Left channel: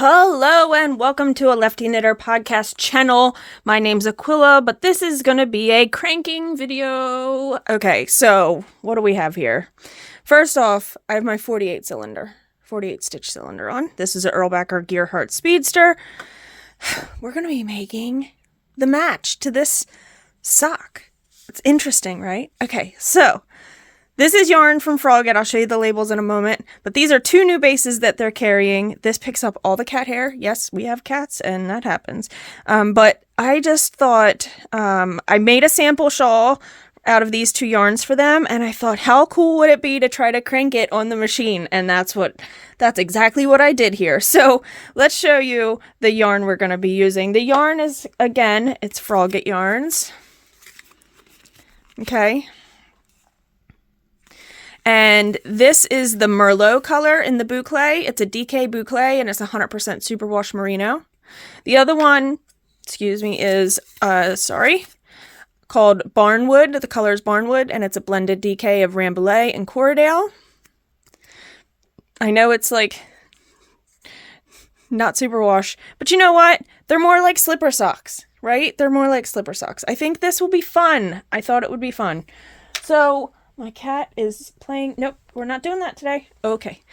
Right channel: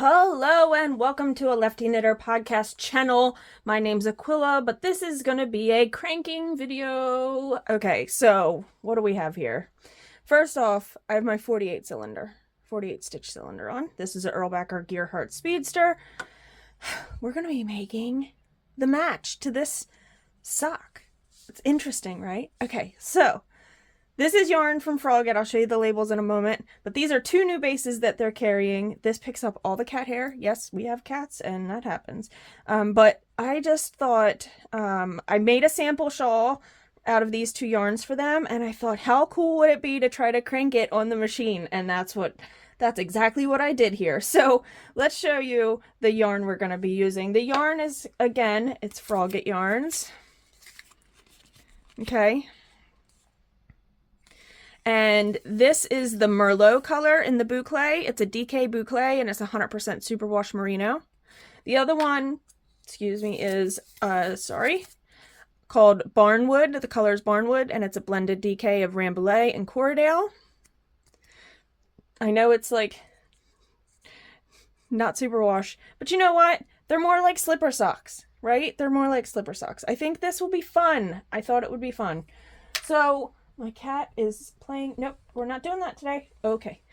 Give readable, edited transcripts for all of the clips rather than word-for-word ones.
Hello and welcome to a Lefty Knitter podcast channel. My name's Aquila, but this is going to be a cranking video. Okay, so what do we have here? First off, I have my 48 stitch cylinder on. This is an Erlbacher Gearhart Speedster. We're going to be making the match to this sock. It's interesting, right? Okay, so this is yarn from Frogget. I'll show you the labels in a moment. But these are two new bases that they're carrying. This picks up all the cat hair. Yes, we have cats, and that happens. But I just thought I made a sample shawl out of these two yarns for them, and I thought, how cool would it be to try to crank it on the machine? And that's exactly what I did here. So let's show you the yarn we're going to be using. The yarn is, again, it's Frogget yarns. Okay. And this is the Merlot color in the Boucle. It's a DK Boucle, and it's 100% superwash merino. The other one, is, called Barnwood. The color is Barnwood, and it's a blended DK of Rambouillet and Corriedale. I know it's like not superwash, but you know what? They're more like slipper socks, right? They're more like slipper socks. I think this will be fun. I thought it would be fun. So my cat is playing. Nope, we're not doing that today. Okay.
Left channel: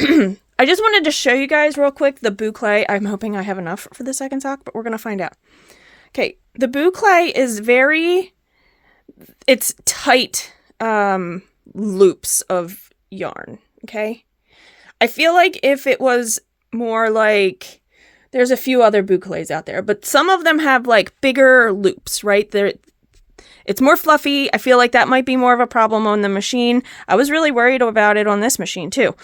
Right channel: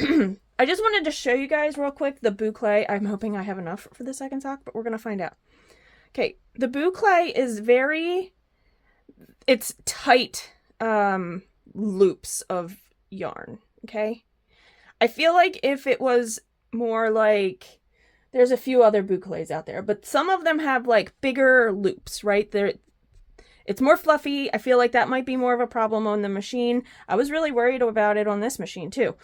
I just wanted to show you guys real quick the Boucle. I'm hoping I have enough for the second sock, but we're going to find out. Okay, the Boucle is it's tight loops of yarn, okay? I feel like if it was more like, there's a few other Boucles out there, but some of them have like bigger loops, right? It's more fluffy. I feel like that might be more of a problem on the machine. I was really worried about it on this machine too.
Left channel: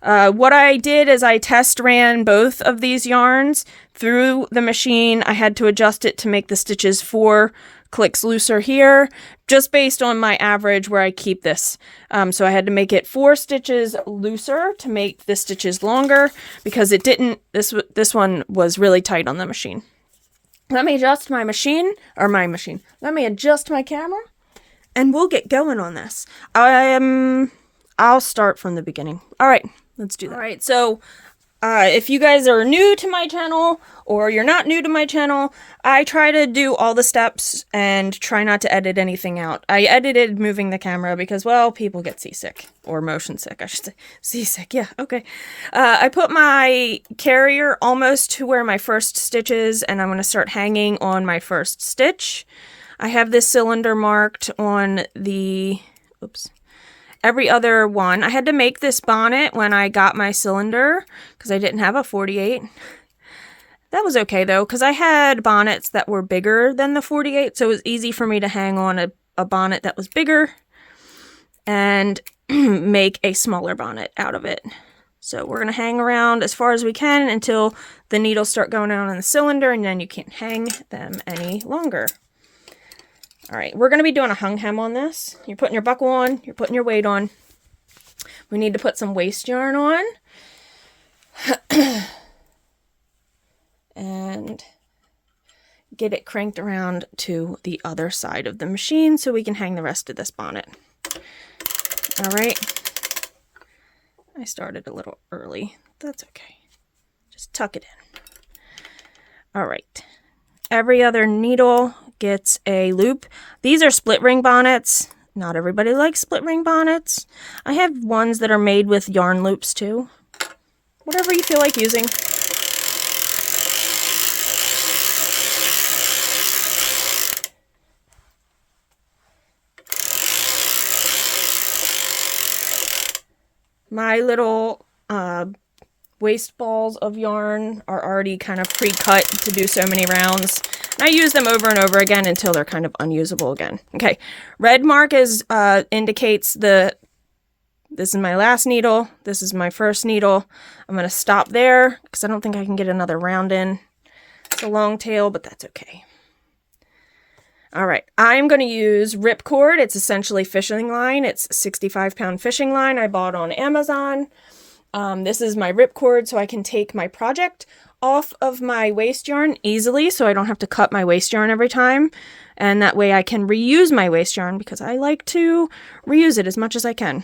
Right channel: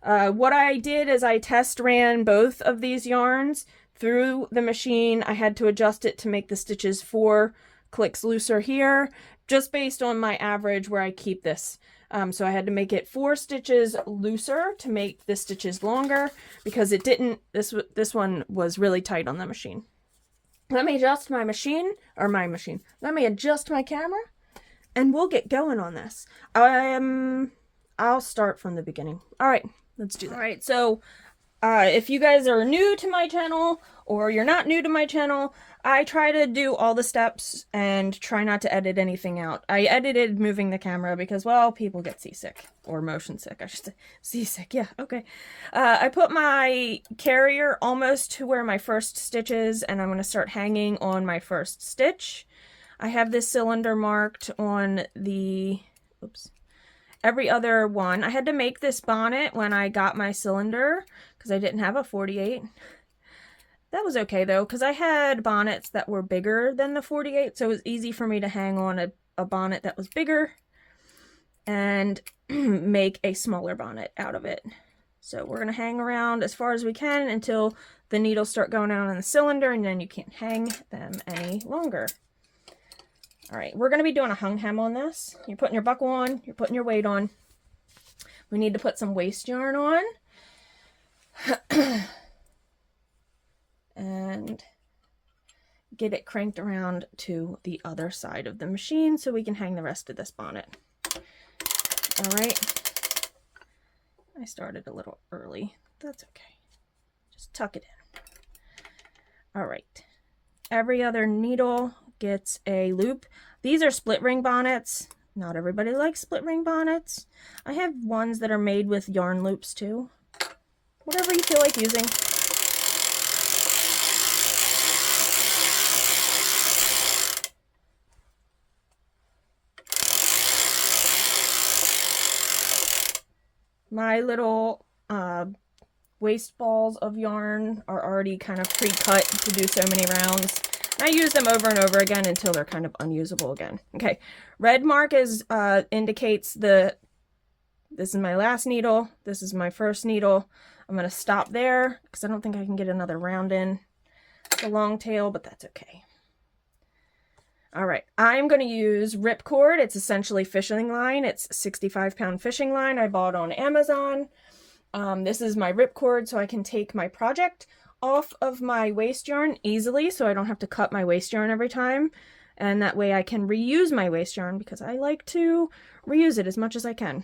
What I did is I test ran both of these yarns through the machine. I had to adjust it to make the stitches 4 clicks looser here, just based on my average where I keep this. So I had to make it 4 stitches looser to make the stitches longer because it didn't, this one was really tight on the machine. Let me adjust my machine, let me adjust my camera, and we'll get going on this. I'll start from the beginning. All right, let's do that. All right, so if you guys are new to my channel, or you're not new to my channel, I try to do all the steps and try not to edit anything out. I edited moving the camera because, well, people get seasick, or motion sick, I should say. Seasick, yeah, okay. I put my carrier almost to where my first stitch is, and I'm going to start hanging on my first stitch. I have this cylinder marked on the, every other one. I had to make this bonnet when I got my cylinder because I didn't have a 48. That was okay though, because I had bonnets that were bigger than the 48, so it was easy for me to hang on a bonnet that was bigger and make a smaller bonnet out of it. So we're going to hang around as far as we can until the needles start going out on the cylinder, and then you can't hang them any longer. All right, we're going to be doing a hung hem on this. You're putting your buckle on, you're putting your weight on. We need to put some waste yarn on. And get it cranked around to the other side of the machine so we can hang the rest of this bonnet. All right. I started a little early. That's okay. Just tuck it in. All right. Every other needle gets a loop. These are split ring bonnets. Not everybody likes split ring bonnets. I have ones that are made with yarn loops too. Whatever you feel like using. My little waste balls of yarn are already kind of pre-cut to do so many rounds. I use them over and over again until they're kind of unusable again. Okay, red mark indicates this is my last needle, this is my first needle. I'm going to stop there because I don't think I can get another round in. It's a long tail, but that's okay. All right, I'm going to use ripcord. It's essentially fishing line. It's 65-pound fishing line I bought on Amazon. This is my ripcord, so I can take my project off of my waste yarn easily, so I don't have to cut my waste yarn every time. And that way I can reuse my waste yarn because I like to reuse it as much as I can.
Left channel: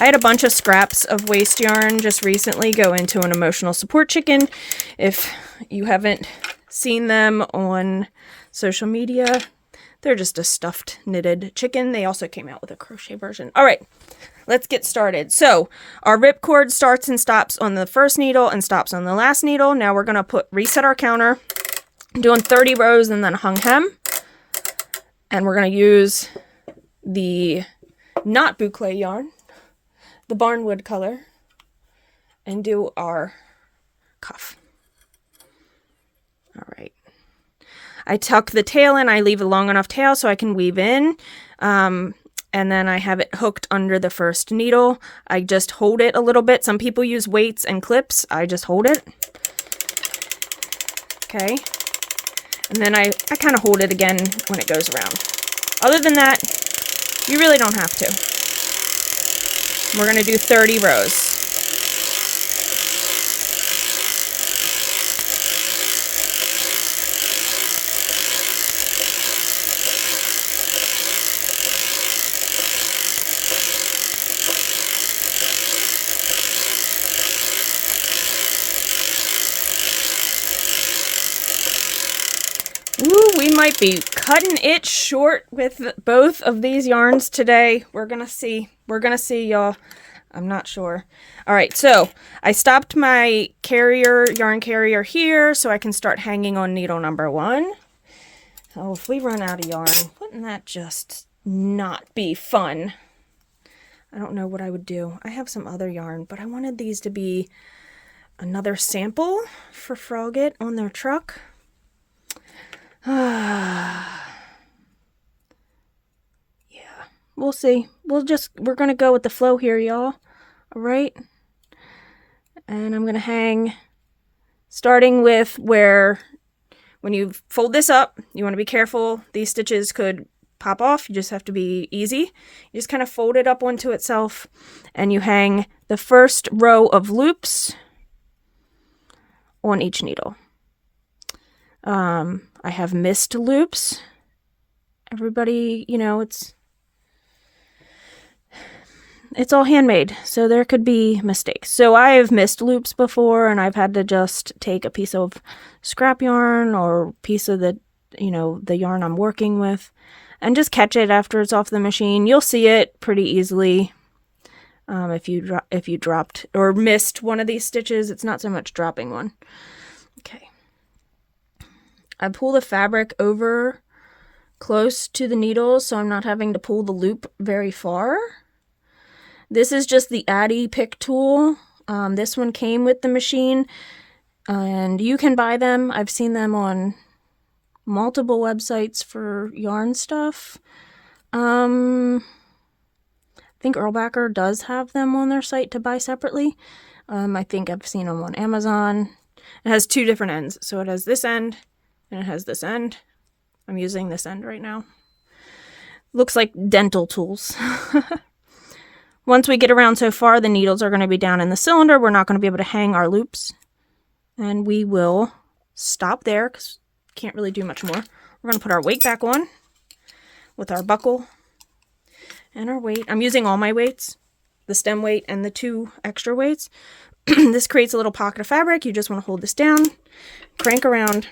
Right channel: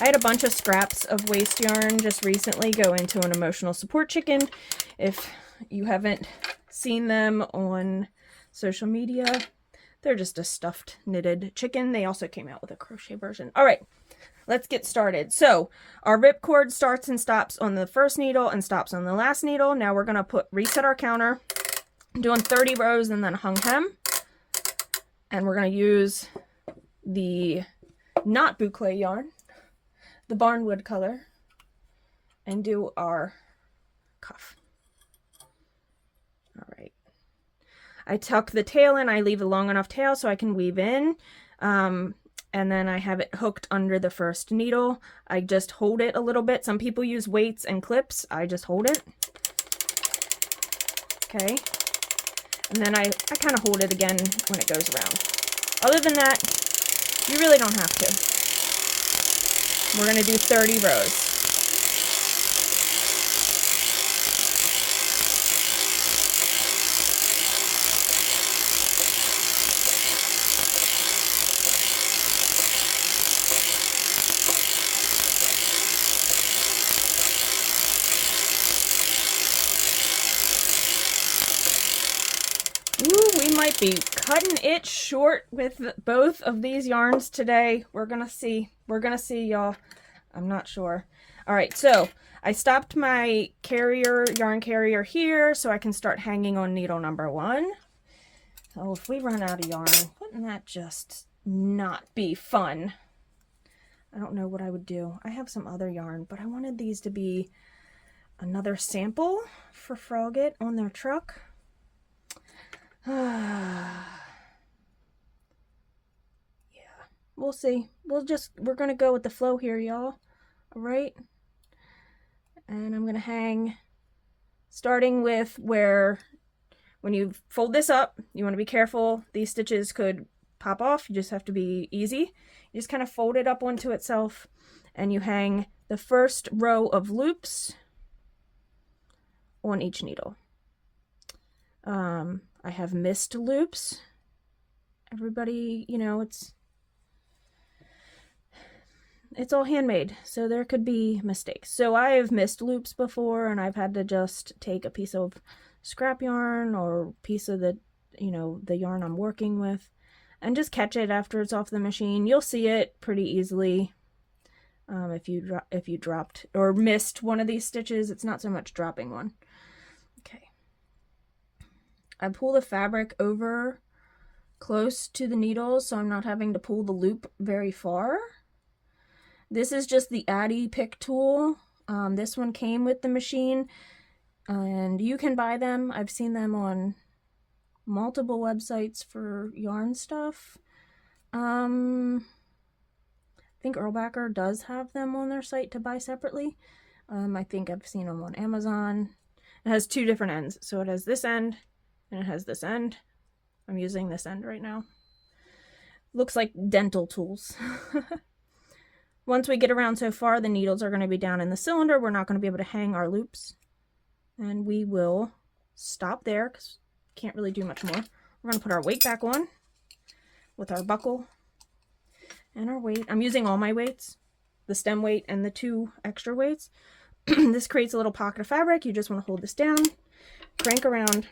I had a bunch of scraps of waste yarn just recently go into an emotional support chicken. If you haven't seen them on social media, they're just a stuffed knitted chicken. They also came out with a crochet version. All right, let's get started. So our ripcord starts and stops on the first needle and stops on the last needle. Now we're going to reset our counter. I'm doing 30 rows and then hung hem. And we're going to use the not boucle yarn, the barnwood color, and do our cuff. All right. I tuck the tail in. I leave a long enough tail so I can weave in. And then I have it hooked under the first needle. I just hold it a little bit. Some people use weights and clips. I just hold it. Okay. And then I kind of hold it again when it goes around. Other than that, you really don't have to. We're going to do 30 rows. Ooh, we might be cutting it short with both of these yarns today. We're gonna see. We're gonna see, y'all. I'm not sure. All right, so I stopped my yarn carrier here so I can start hanging on needle number 1. Oh, if we run out of yarn, wouldn't that just not be fun? I don't know what I would do. I have some other yarn, but I wanted these to be another sample for Frogget on their truck. Yeah, we'll see. We're gonna go with the flow here, y'all. All right. And I'm gonna hang, starting with where, when you fold this up, you want to be careful. These stitches could pop off. You just have to be easy. You just kind of fold it up onto itself, and you hang the first row of loops on each needle. I have missed loops. Everybody, you know, it's all handmade, so there could be mistakes. So I have missed loops before, and I've had to just take a piece of scrap yarn or piece of the, you know, the yarn I'm working with, and just catch it after it's off the machine. You'll see it pretty easily. If you dropped or missed one of these stitches, it's not so much dropping one. Okay. I pull the fabric over close to the needles so I'm not having to pull the loop very far. This is just the Addy pick tool. This one came with the machine, and you can buy them. I've seen them on multiple websites for yarn stuff. I think Erlbacher does have them on their site to buy separately. I think I've seen them on Amazon. It has 2 different ends. So it has this end and it has this end. I'm using this end right now. Looks like dental tools. Once we get around so far, the needles are going to be down in the cylinder. We're not going to be able to hang our loops. And we will stop there because we can't really do much more. We're going to put our weight back on with our buckle and our weight. I'm using all my weights, the stem weight and the 2 extra weights. This creates a little pocket of fabric. You just want to hold this down, crank around.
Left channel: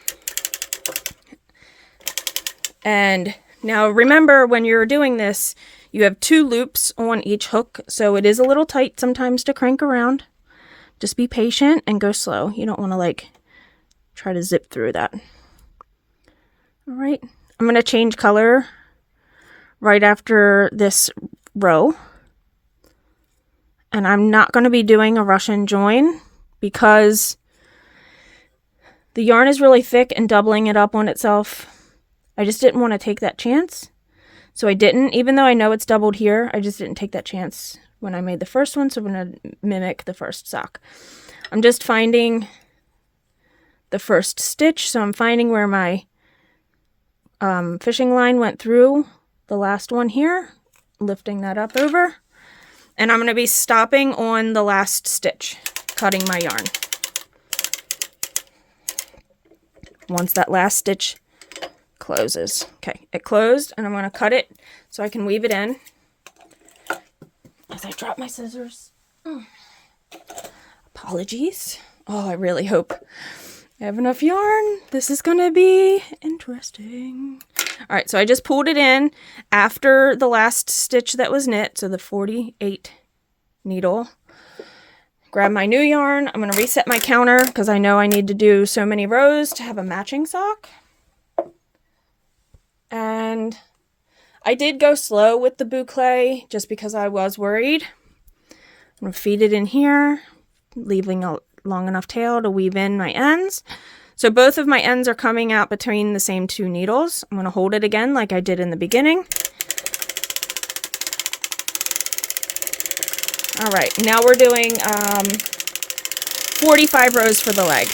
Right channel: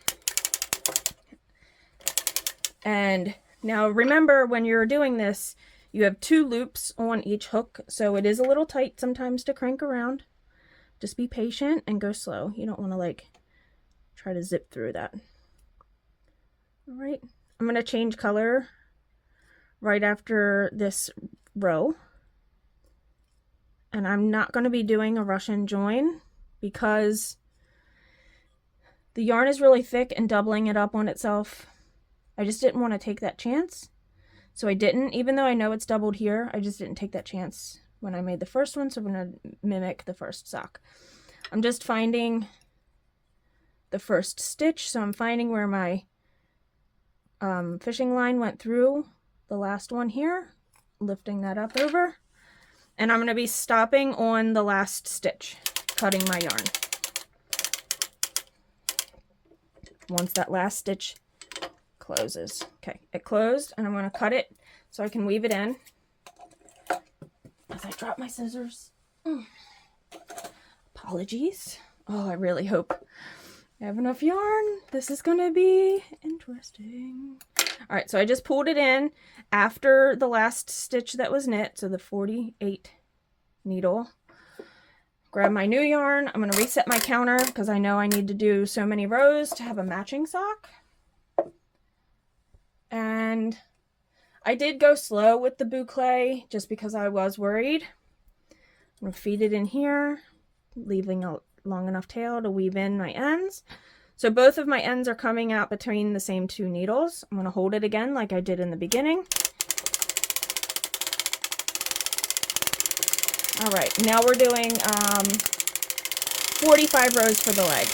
And now remember, when you're doing this, you have 2 loops on each hook, so it is a little tight sometimes to crank around. Just be patient and go slow. You don't want to like try to zip through that. All right, I'm going to change color right after this row. And I'm not going to be doing a Russian join because the yarn is really thick and doubling it up on itself. I just didn't want to take that chance. So I didn't, even though I know it's doubled here, I just didn't take that chance when I made the first one. So I'm going to mimic the first sock. I'm just finding the first stitch. So I'm finding where my fishing line went through the last one here, lifting that up over. And I'm going to be stopping on the last stitch, cutting my yarn. Once that last stitch closes. Okay, it closed, and I'm going to cut it so I can weave it in as I dropped my scissors. Apologies. Oh, I really hope I have enough yarn. This is gonna be interesting. All right, so I just pulled it in after the last stitch that was knit, so the 48 needle. Grab my new yarn. I'm gonna reset my counter because I know I need to do so many rows to have a matching sock. And I did go slow with the boucle just because I was worried. I'm gonna feed it in here, leaving a long enough tail to weave in my ends. So both of my ends are coming out between the same two needles. I'm gonna hold it again like I did in the beginning. All right, now we're doing 45 rows for the leg.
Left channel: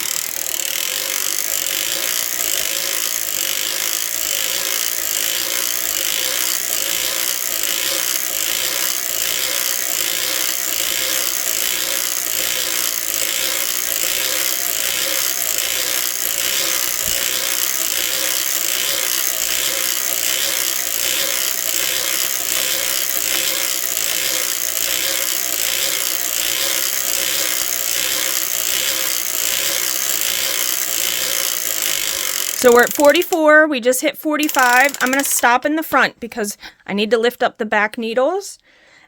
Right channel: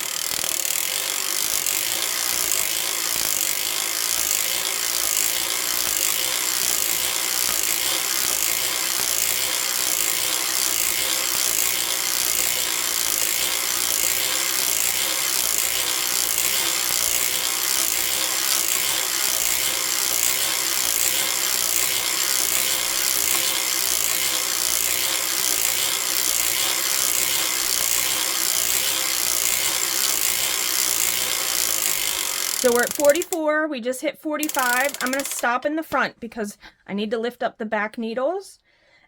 So we're at 44, we just hit 45. I'm gonna stop in the front because I need to lift up the back needles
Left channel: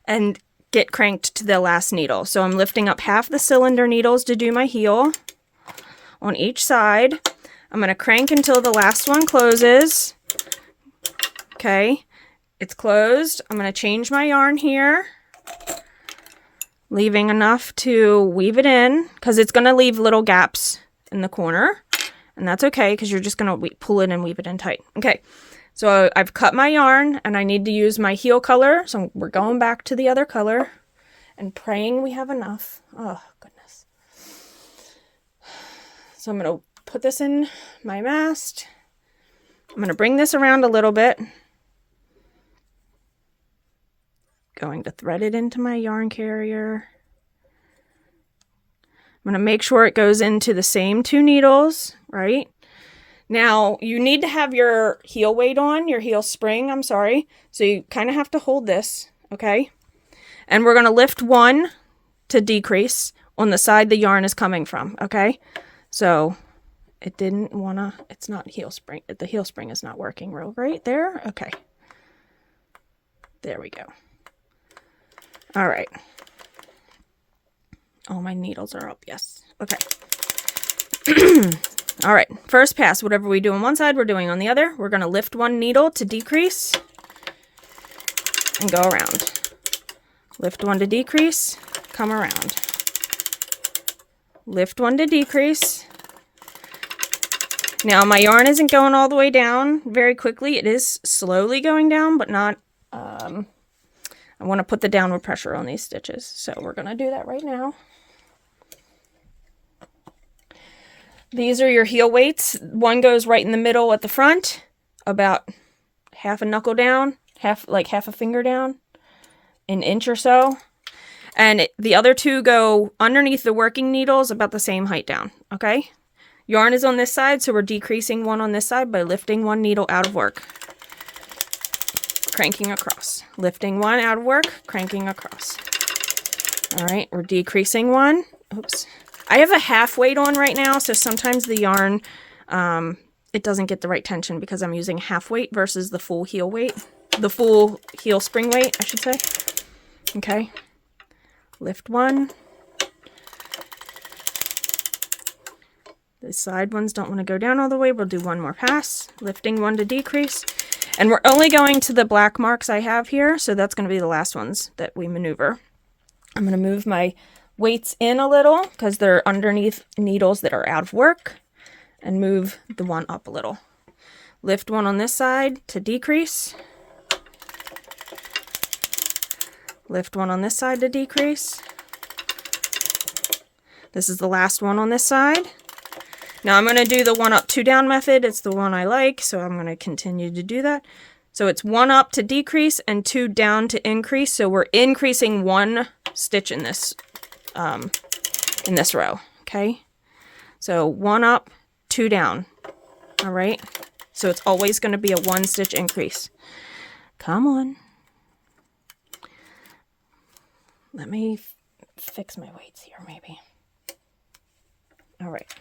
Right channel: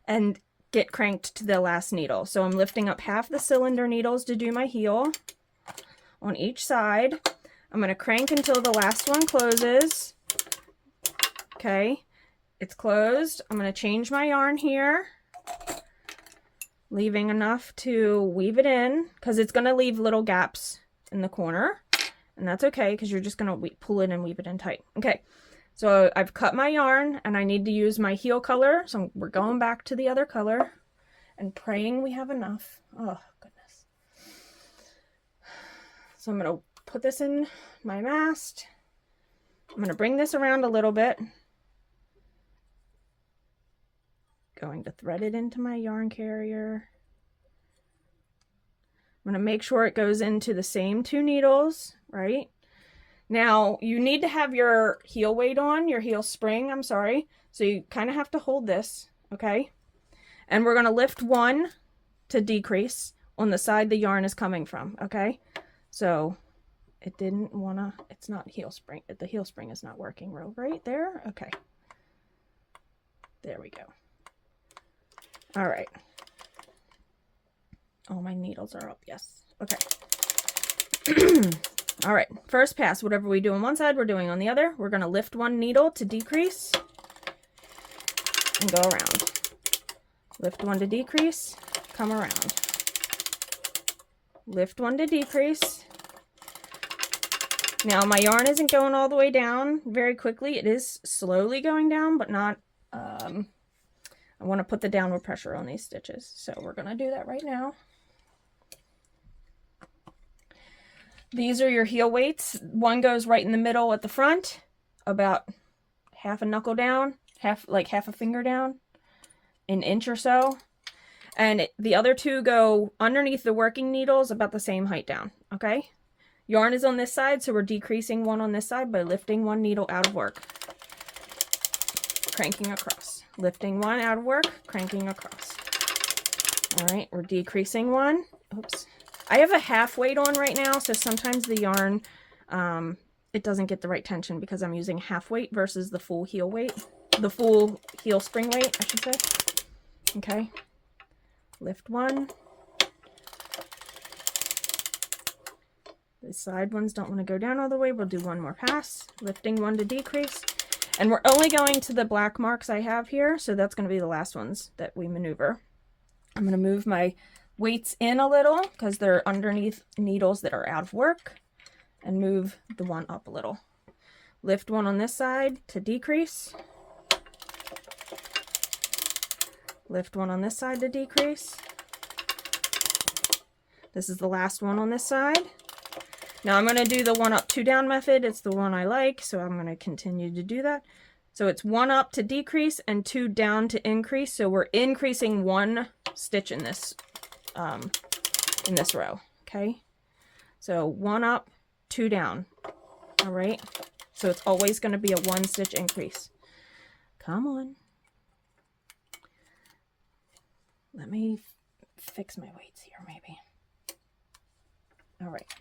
and get cranked to the last needle. So I'm lifting up half the cylinder needles to do my heel on each side. I'm gonna crank until the last one closes. Okay, it's closed. I'm gonna change my yarn here, leaving enough to weave it in because it's gonna leave little gaps in the corner. And that's okay because you're just going to pull it and weave it in tight. Okay, so I've cut my yarn and I need to use my heel color. So we're going back to the other color and praying we have enough. Oh, goodness. So I'm going to put this in my mast. I'm going to bring this around a little bit. Going to thread it into my yarn carrier. I'm going to make sure it goes into the same two needles, right? Now, you need to have your heel weight on, your heel spring, I'm sorry. So you kind of have to hold this, okay? And we're going to lift one to decrease on the side the yarn is coming from, okay? So it didn't want to, it's not heel spring. The heel spring is not working real right there. Okay. There we go. All right. Oh, my needles are up. Yes. Okay. All right. First pass, whatever we do on one side, we're doing on the other. We're going to lift one needle to decrease and go around. Lift one to decrease, come around. Lift one to decrease. Now, my yarn isn't going all the way down very quickly. It is slowly going down, but not... I want to put the downward pressure on these stitches. So we're going to do that right now. These are your heel weights. One goes right in the middle at the front, about half a knuckle down, half a finger down, an inch or so. And the other two go underneath the working needles about the same height down, okay? Yarn is on this side, so we're decreasing one on this side by lifting one needle out of work. Cranking across. Lifting one out of work, cranking across. All right, we're decreasing one. Oops. I have a half weight on right now, so sometimes the yarn, it doesn't get the right tension because I'm using half weight versus the full heel weight. The full heel spring weight, I should say. Okay. Lift one. The side ones don't want to go down all the way. We'll do one more pass. Lifting one to decrease. And we're only going to the black marks I have here, so that's going to be the last ones that we maneuver. I'm going to move my weights in a little because they're underneath needles that are out of work, and move the one up a little. Lift one on this side to decrease. Lift one on this side to decrease. This is the last one on this side. Now I'm going to do the one up, two down method. It's the one I like, so I'm going to continue to do that. So it's one up to decrease and two down to increase. So we're increasing one stitch in this row, okay? So one up, two down, all right? So it's always going to be a one stitch increase. Come on. Let me fix my weights here, maybe. All right.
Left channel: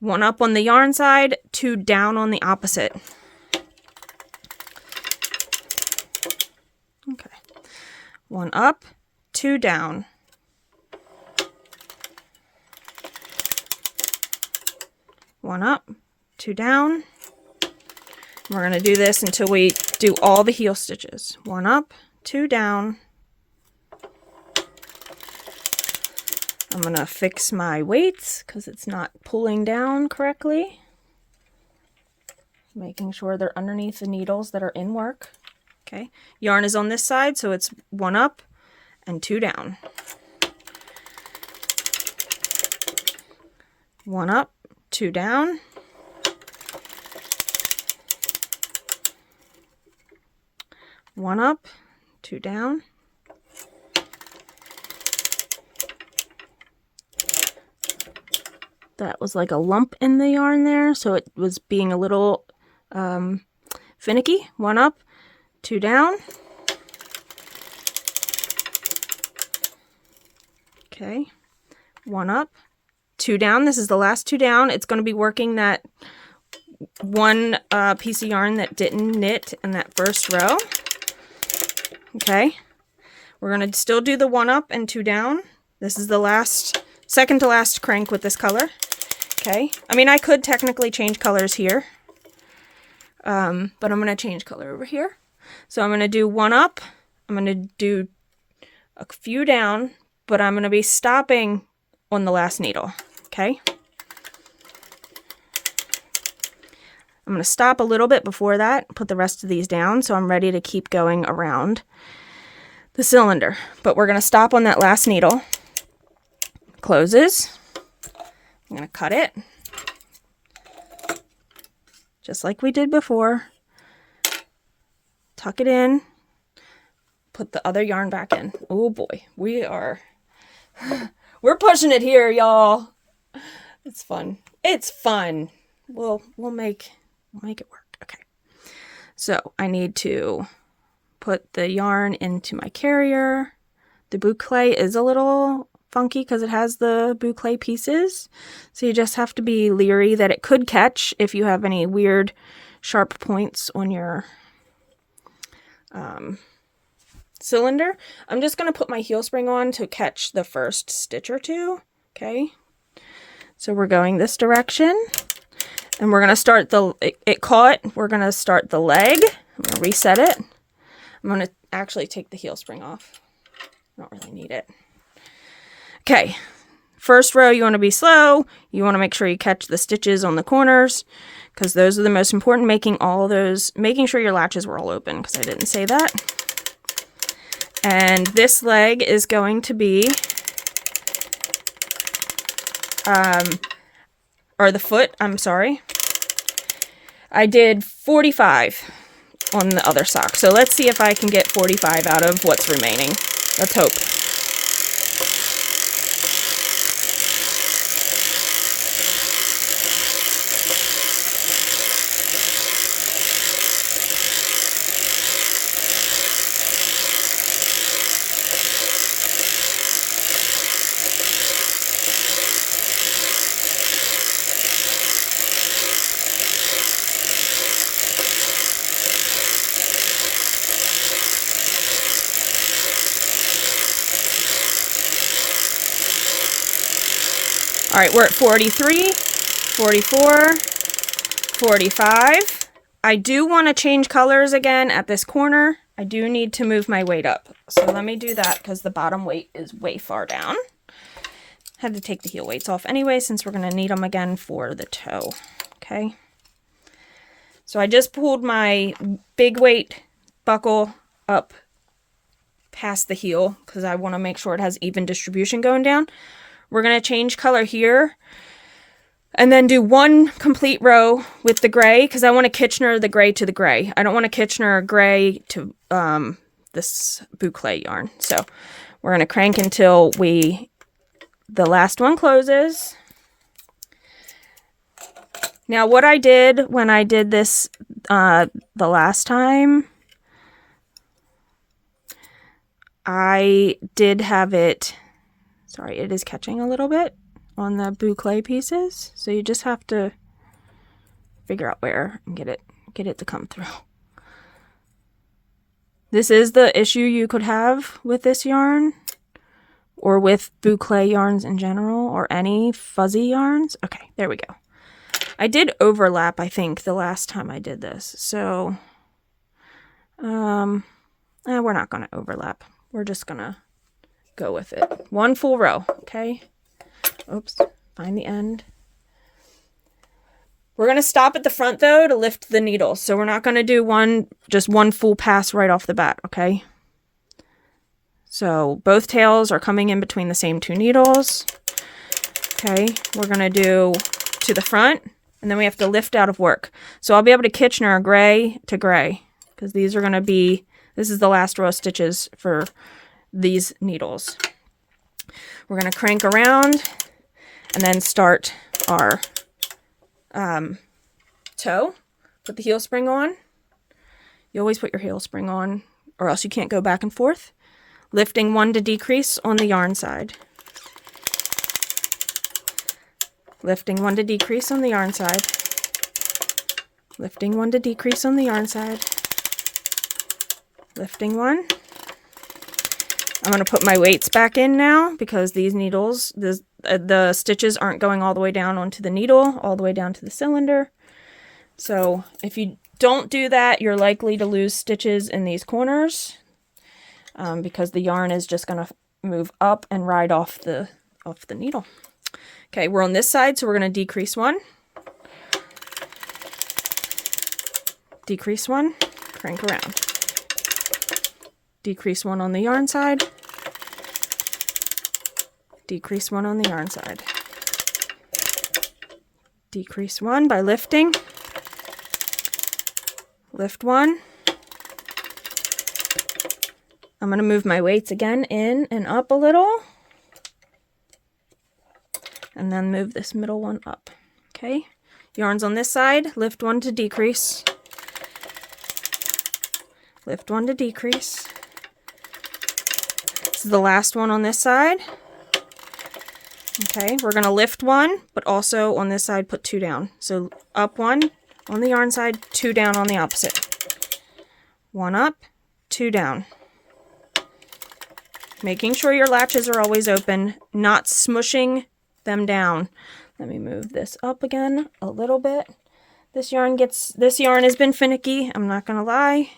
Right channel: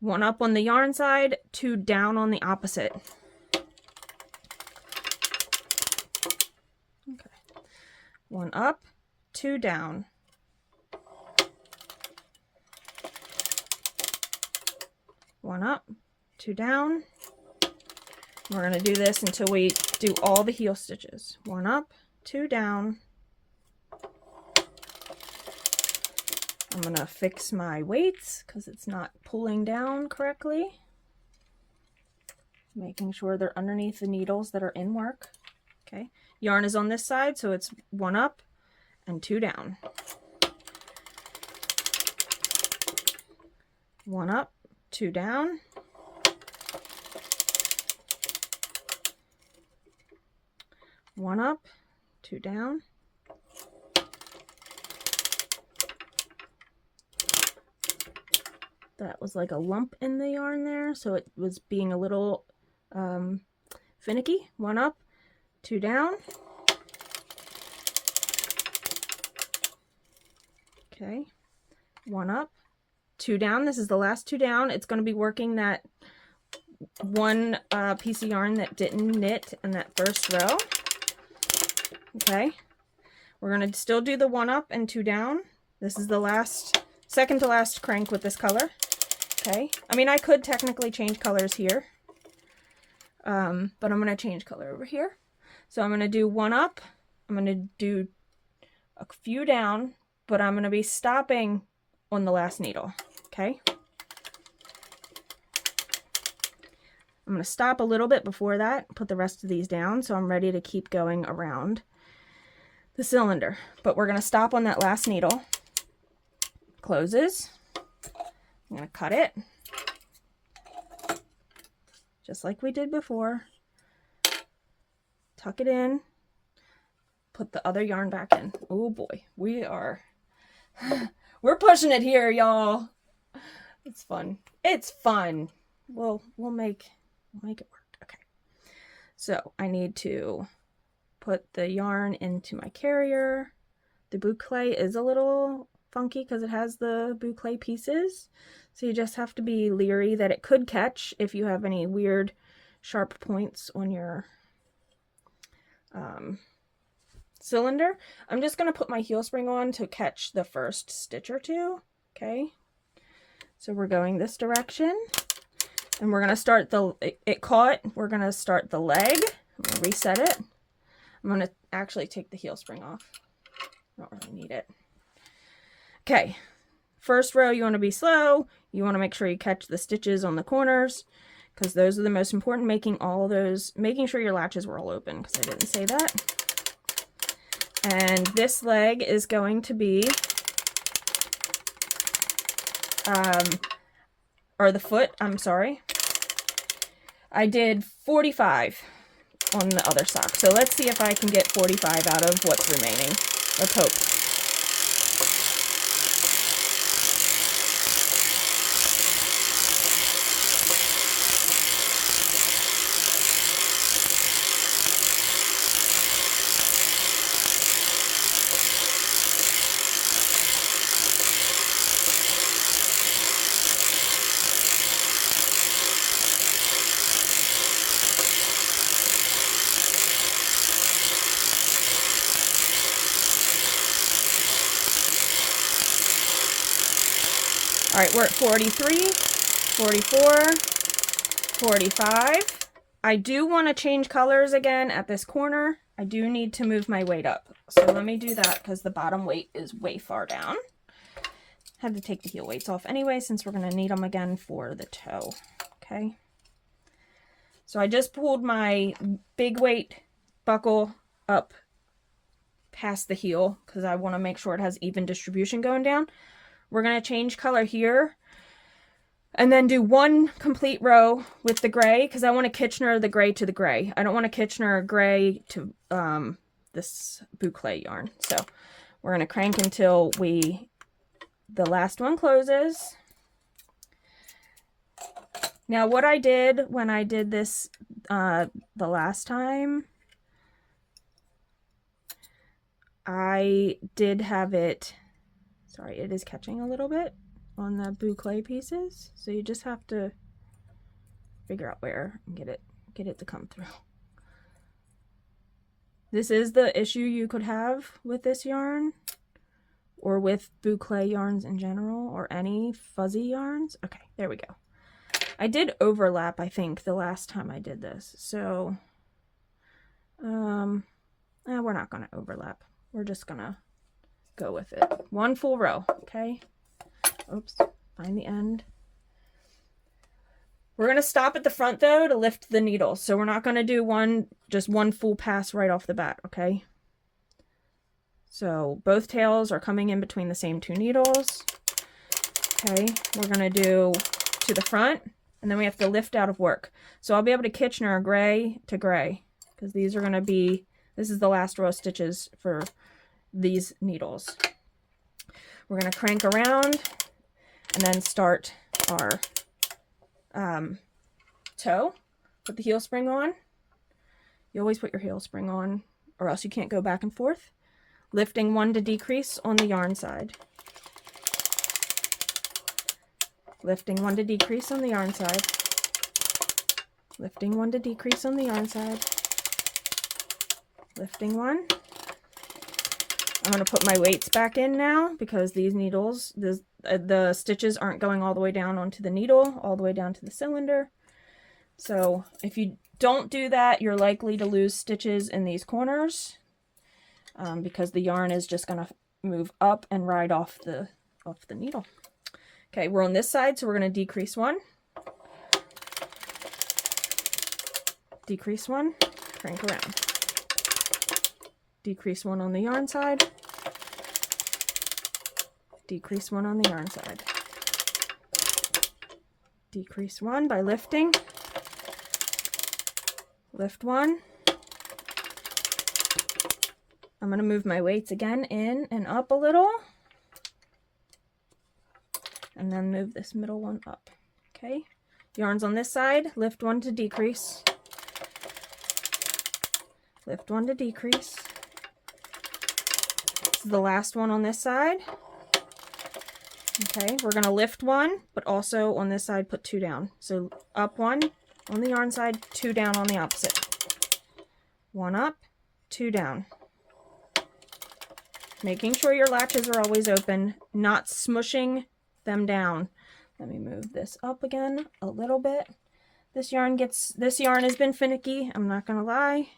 1 up on the yarn side, 2 down on the opposite. Okay. 1 up, 2 down. One up, 2 down. We're going to do this until we do all the heel stitches. 1 up, 2 down. I'm going to fix my weights because it's not pulling down correctly. Making sure they're underneath the needles that are in work. Okay, yarn is on this side, so it's 1 up and 2 down. 1 up, 2 down. One up, 2 down. That was like a lump in the yarn there, so it was being a little finicky. 1 up, 2 down. Okay, 1 up, 2 down. This is the last 2 down. It's going to be working that one piece of yarn that didn't knit in that first row. Okay, we're going to still do the 1 up and 2 down. This is the last, second to last crank with this color. Okay, I mean, I could technically change colors here, but I'm going to change color over here. So I'm going to do 1 up, I'm going to do a few down, but I'm going to be stopping on the last needle. Okay, I'm going to stop a little bit before that, put the rest of these down, so I'm ready to keep going around the cylinder. But we're going to stop on that last needle. Closes. I'm going to cut it, just like we did before. Tuck it in, put the other yarn back in. Oh boy, we're pushing it here, y'all. It's fun. It's fun. We'll make it work. Okay. So I need to put the yarn into my carrier. The boucle is a little funky because it has the boucle pieces, so you just have to be leery that it could catch if you have any weird sharp points on your cylinder. I'm just going to put my heel spring on to catch the first stitch or two. Okay, so we're going this direction, and we're going to start the, it caught, we're going to start the leg. I'm going to reset it. I'm going to actually take the heel spring off. Don't really need it. Okay, first row you want to be slow. You want to make sure you catch the stitches on the corners because those are the most important. Making sure your latches were all open because I didn't say that. And this leg is going to be, or the foot, I'm sorry. I did 45 on the other sock. So let's see if I can get 45 out of what's remaining. Let's hope. All right, we're at 43, 44, 45. I do want to change colors again at this corner. I do need to move my weight up. So let me do that because the bottom weight is way far down. Had to take the heel weights off anyway since we're going to need them again for the toe. Okay. So I just pulled my big weight buckle up past the heel because I want to make sure it has even distribution going down. We're going to change color here and then do one complete row with the gray because I want to Kitchener the gray to the gray. I don't want to Kitchener gray to this boucle yarn. So we're going to crank until the last one closes. Now what I did when I did this the last time, I did have it, sorry, it is catching a little bit on the boucle pieces. So you just have to figure out where and get it to come through. This is the issue you could have with this yarn, or with boucle yarns in general, or any fuzzy yarns. Okay, there we go. I did overlap, I think, the last time I did this. So, we're not going to overlap. We're just going to go with it. One full row, okay? Oops, find the end. We're going to stop at the front, though, to lift the needles. So we're not going to do just one full pass right off the bat, okay? So both tails are coming in between the same 2 needles. Okay, we're going to do to the front, and then we have to lift out of work. So I'll be able to Kitchener gray to gray, because these are going to be, this is the last row of stitches for these needles. We're going to crank around and then start our toe. Put the heel spring on. You always put your heel spring on, or else you can't go back and forth. Lifting 1 to decrease on the yarn side. Lifting 1 to decrease on the yarn side. Lifting 1 to decrease on the yarn side. Lifting 1. I'm going to put my weights back in now, because these needles, the stitches aren't going all the way down onto the needle, all the way down to the cylinder. So if you don't do that, you're likely to lose stitches in these corners, because the yarn is just going to move up and ride off the needle. Okay, we're on this side, so we're going to decrease 1. Decrease 1, crank around. Decrease 1 on the yarn side. Decrease 1 on the yarn side. Decrease 1 by lifting. Lift 1. I'm going to move my weights again in and up a little. And then move this middle one up. Okay. Yarn's on this side. Lift 1 to decrease. Lift 1 to decrease. This is the last one on this side. Okay, we're going to lift 1, but also on this side put 2 down. So up 1 on the yarn side, 2 down on the opposite. 1 up, 2 down. Making sure your latches are always open, not smushing them down. Let me move this up again a little bit. This yarn has been finicky, I'm not going to lie.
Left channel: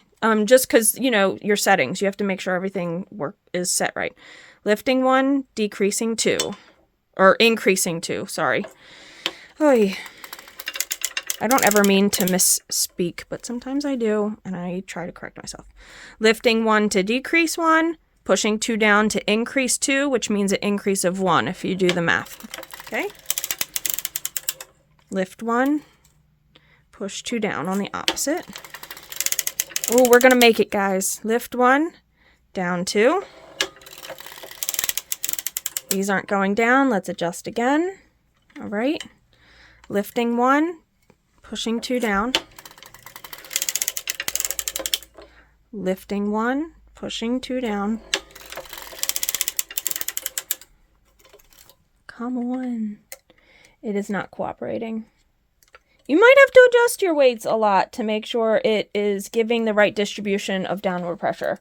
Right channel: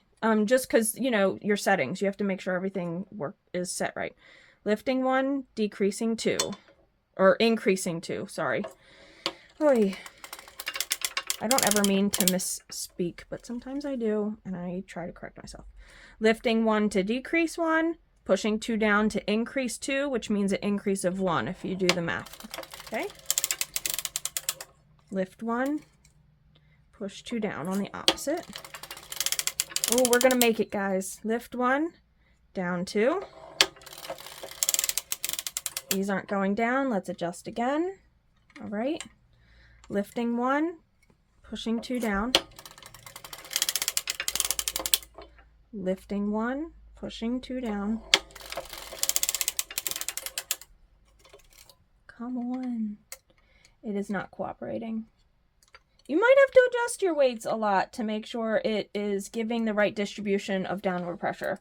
Just because, you know, your settings, you have to make sure everything is set right. Lifting 1, decreasing 2. Or increasing 2, sorry. Oy. I don't ever mean to misspeak, but sometimes I do, and I try to correct myself. Lifting 1 to decrease 1, pushing 2 down to increase 2, which means an increase of 1 if you do the math. Okay? Lift 1, push 2 down on the opposite. Oh, we're going to make it, guys. Lift 1, down 2. These aren't going down. Let's adjust again. All right. Lifting 1, pushing 2 down. Lifting 1, pushing 2 down. Come on. It is not cooperating. You might have to adjust your weights a lot to make sure it is giving the right distribution of downward pressure.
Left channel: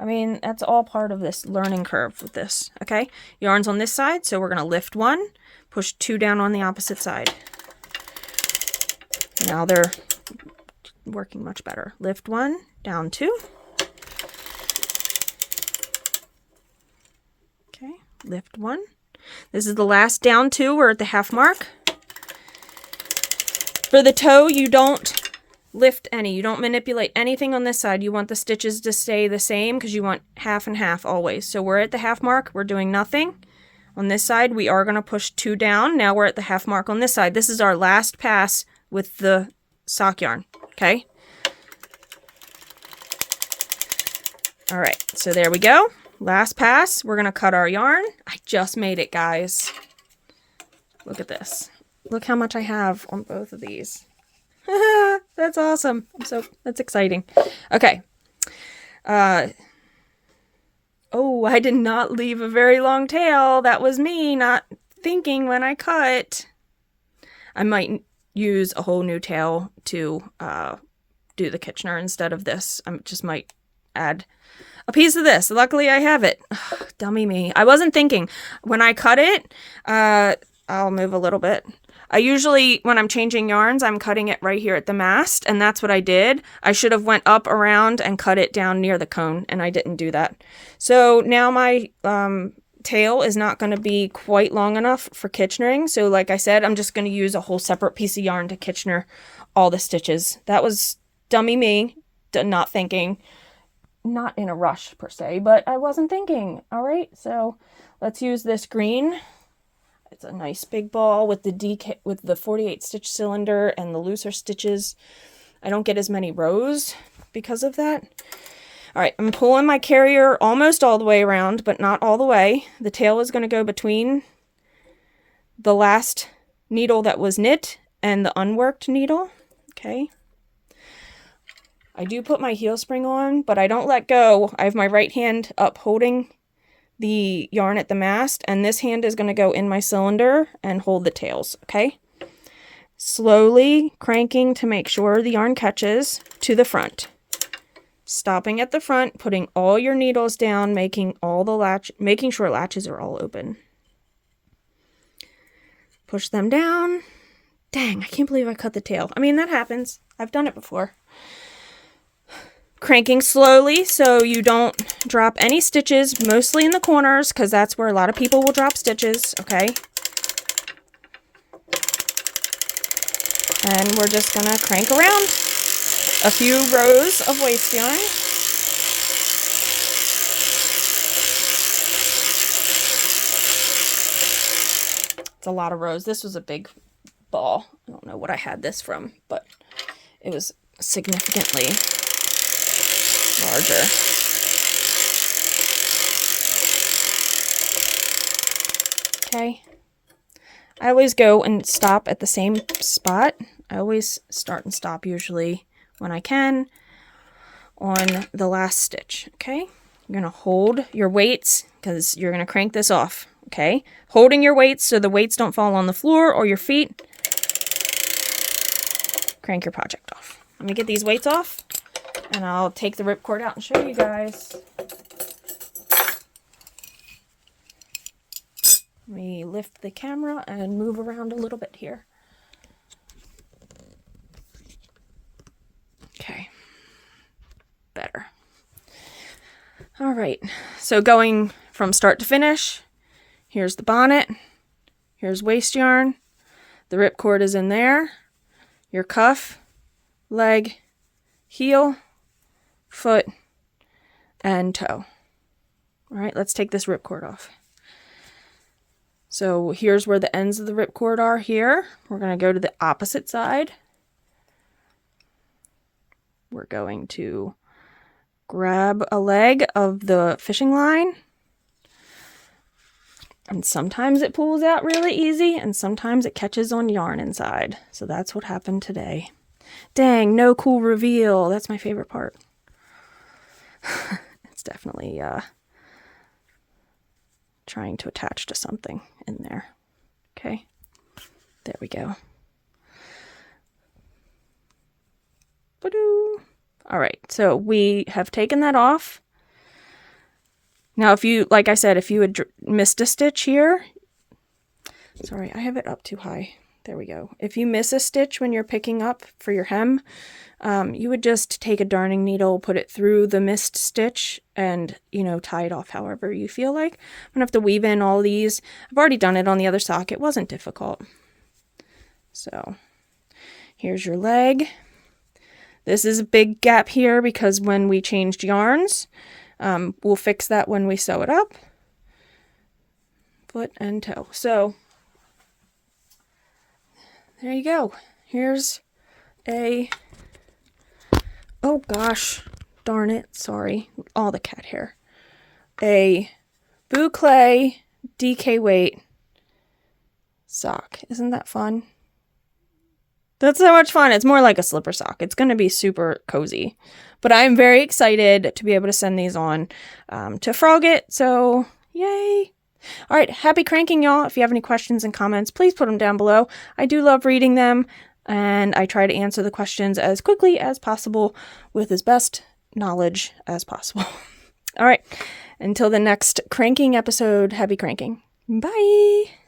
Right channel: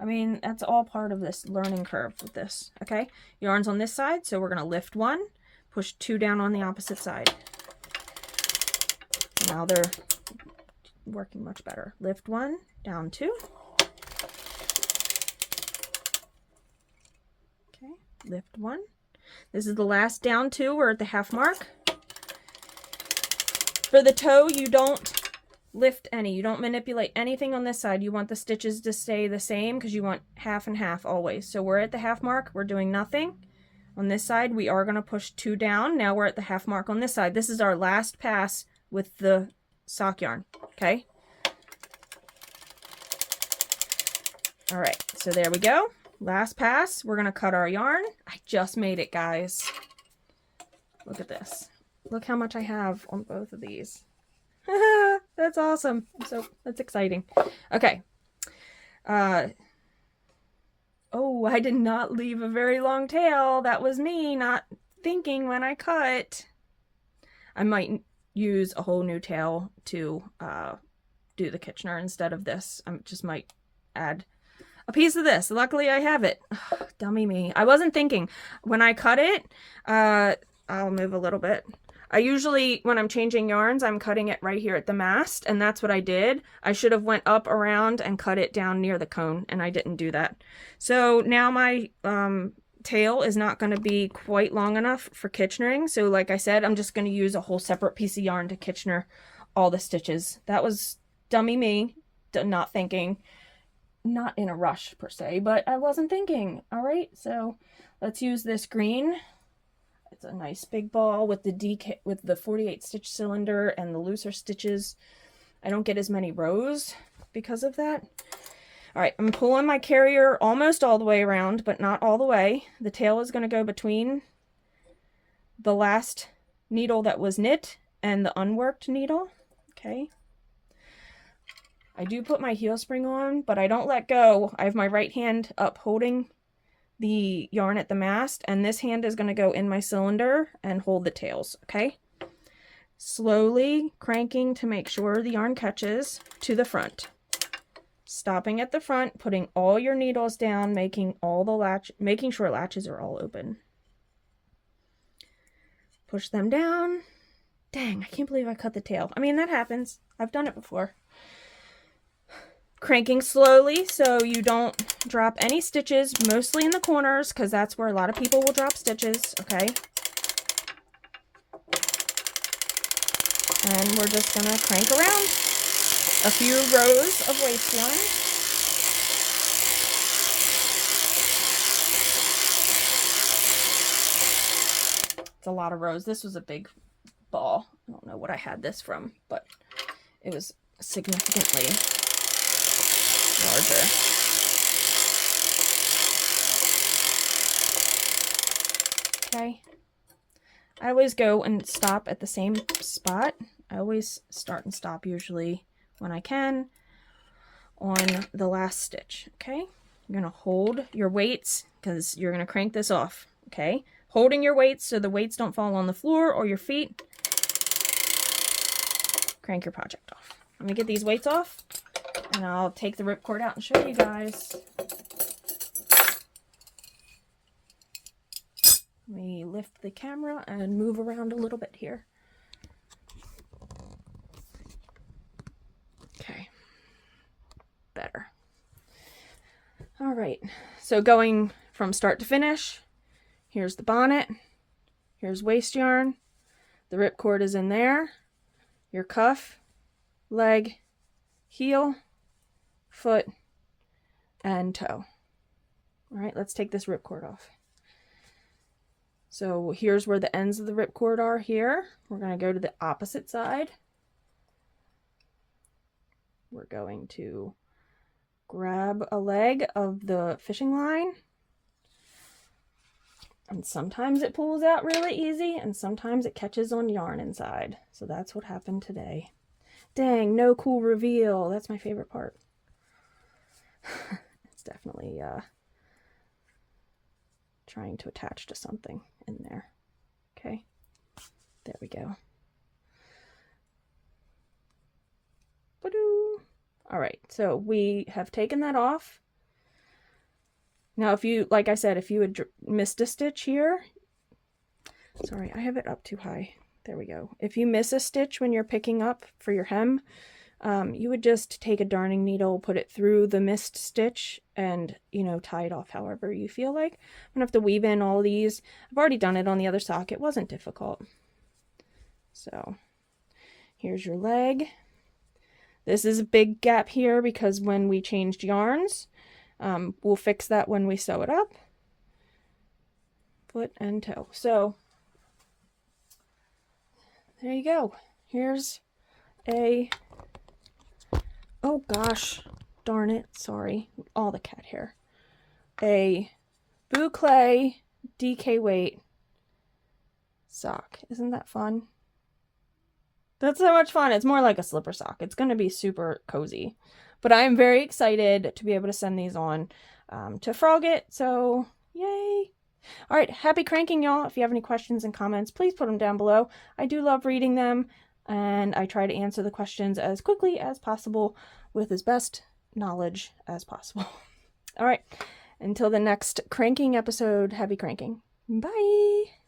I mean, that's all part of this learning curve with this, okay? Yarn's on this side, so we're going to lift 1, push 2 down on the opposite side. Now they're working much better. Lift 1, down 2. Okay, lift 1. This is the last down 2. We're at the half mark. For the toe, you don't lift any. You don't manipulate anything on this side. You want the stitches to stay the same because you want half and half always. So we're at the half mark. We're doing nothing. On this side, we are going to push 2 down. Now we're at the half mark on this side. This is our last pass with the sock yarn. Okay? All right. So there we go. Last pass. We're going to cut our yarn. I just made it, guys. Look at this. Look how much I have on both of these. That's awesome. That's exciting. Okay. Oh, I did not leave a very long tail. That was me not thinking when I cut. I might use a whole new tail to do the Kitchener instead of this. I just might add a piece of this. Luckily I have it. Ugh, dummy me. I wasn't thinking. When I cut it, I'll move a little bit. I usually, when I'm changing yarns, I'm cutting it right here at the mast, and that's what I did. I should have went up around and cut it down near the cone, and I didn't do that. So now my tail is not going to be quite long enough for Kitchenering. So like I said, I'm just going to use a whole separate piece of yarn to Kitchener all the stitches. That was dummy me, not thinking. Not in a rush per se, but I wasn't thinking. All right, so let's use this green. It's a nice big ball with the 48 stitch cylinder and the looser stitches. I don't get as many rows because of that. All right, I'm pulling my carrier almost all the way around, but not all the way. The tail is going to go between the last needle that was knit and the unworked needle. Okay. I do put my heel spring on, but I don't let go. I have my right hand up holding the yarn at the mast, and this hand is going to go in my cylinder and hold the tails, okay? Slowly cranking to make sure the yarn catches to the front. Stopping at the front, putting all your needles down, making sure latches are all open. Push them down. Dang, I can't believe I cut the tail. I mean, that happens. I've done it before. Cranking slowly so you don't drop any stitches, mostly in the corners, because that's where a lot of people will drop stitches, okay? And we're just gonna crank around a few rows of waste yarn. It's a lot of rows. This was a big ball. I don't know what I had this from, but it was significantly larger. Okay. I always go and stop at the same spot. I always start and stop usually when I can on the last stitch. Okay. You're going to hold your weights because you're going to crank this off. Okay. Holding your weights so the weights don't fall on the floor or your feet. Crank your project off. Let me get these weights off. And I'll take the ripcord out and show you guys. Let me lift the camera and move around a little bit here. Okay. Better. All right. So going from start to finish, here's the bonnet. Here's waste yarn. The ripcord is in there. Your cuff, leg, heel, foot, and toe. All right, let's take this ripcord off. So here's where the ends of the ripcord are here. We're going to go to the opposite side. We're going to grab a leg of the fishing line. And sometimes it pulls out really easy, and sometimes it catches on yarn inside. So that's what happened today. Dang, no cool reveal. That's my favorite part. It's definitely trying to attach to something in there. Okay, there we go. Ba-doo. All right, so we have taken that off. Now, if you, like I said, if you had missed a stitch here, sorry, I have it up too high. There we go. If you miss a stitch when you're picking up for your hem, you would just take a darning needle, put it through the missed stitch, and, you know, tie it off however you feel like. I'm gonna have to weave in all these. I've already done it on the other sock. It wasn't difficult. So here's your leg. This is a big gap here because when we changed yarns, we'll fix that when we sew it up. Foot and toe. So there you go. Here's a, oh gosh, darn it, sorry, all the cat hair. A Boucle DK weight sock. Isn't that fun? That's so much fun. It's more like a slipper sock. It's going to be super cozy. But I'm very excited to be able to send these on to Frogget, so yay. All right, happy cranking, y'all. If you have any questions and comments, please put them down below. I do love reading them, and I try to answer the questions as quickly as possible with as best knowledge as possible. All right, until the next cranking episode, happy cranking. Bye!